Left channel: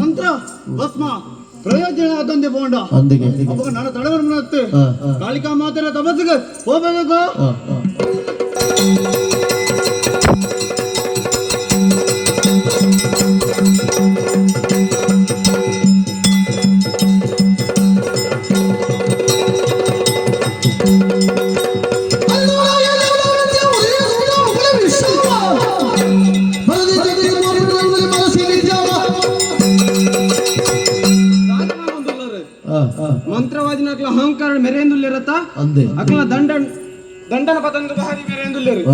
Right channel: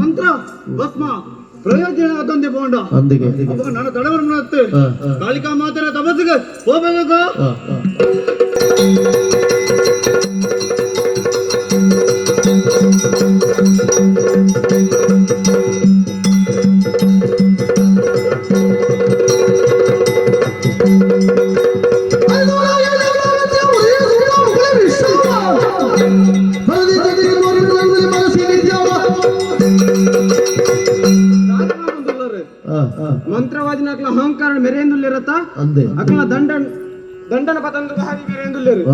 ಮಂತ್ರ ಭಸ್ಮ ಪ್ರಯೋಜನ ಅದೊಂದೇ ಬೋಂಡ ನನ್ನ ತಡವರ ಕಾಳಿಕಾ ಮಾತರ ತಪಸ್ಸಿಗೆ ಹೋಗಬೇಕು. ಮಂತ್ರವಾದಿನ ಅಕ್ಲ ಅಹಂಕಾರ ಮೆರೆಂದುಲ್ಲಿರತ್ತ ಅಕ್ಲ ದಂಡನ ಪತಂದು ಭಾರಿ ಮೆರೆಂದುಲ್ಲಿರು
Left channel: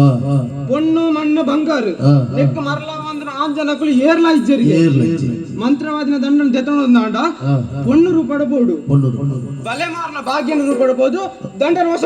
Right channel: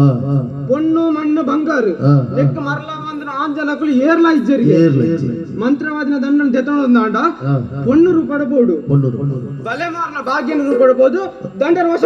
பொண்ணு மண்ணு ಬಂಗಾರು ಲೆಕ್ಕ ಮರಲ ಮಂದ್ರ ಆಂಜನಕುಲು ಏರ್ಲ ಇಜ್ಜರಿ ಮಂತ್ರವಾದಿನ ದಂಡನ ತೆತ್ತೊಂದಾಂಡ பொண்ணு ರೂಪಡಬಹುದು ಬಲೆ ಮಾರನ ಭಾಗ್ಯನ ರೂಪಡಬಹುದು ದಂಡನ ವಶ